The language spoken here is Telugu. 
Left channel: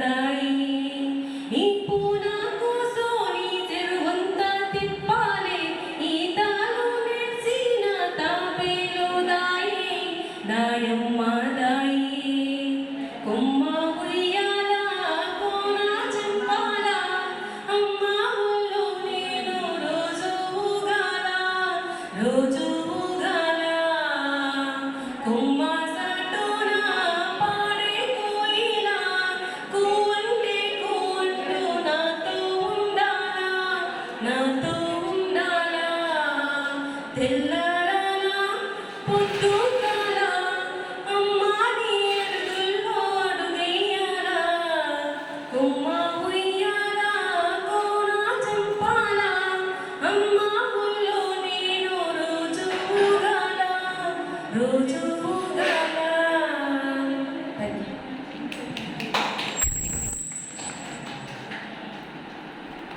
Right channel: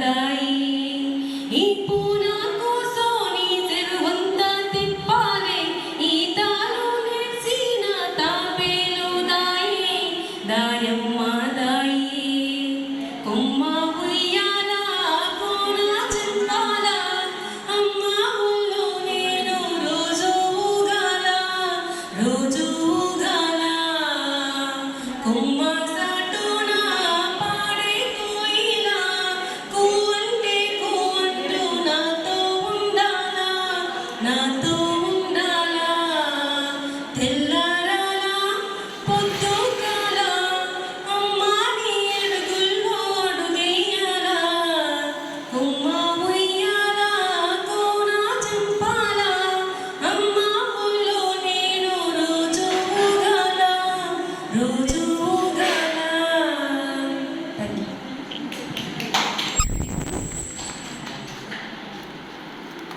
దాయి ఈ పూనా కూసోని చెరువంతా తిప్పాలే ఈ తాను నెర్సిన తాపేలు దాయి దాయమ్మ దాయి కొమ్మ ఉయ్యాల కోన చెంపాల అమ్మ ఒళ్ళు నేను రోజు ఊగాల రోజు ఊగాల కొమ్మ సాటున పాడే కోయిల కూవంటే కూవంటూ నాతో ఉండాలా నాతో ఉండాలా తెల్లారాల పొద్దుగాల అమ్మ నీ అడుగుల్లో అడుగెయ్యాల కొమ్మ ఉయ్యాల కోన చంపాల అమ్మ ఒళ్ళు నేను రోజు ఊగాల రోజు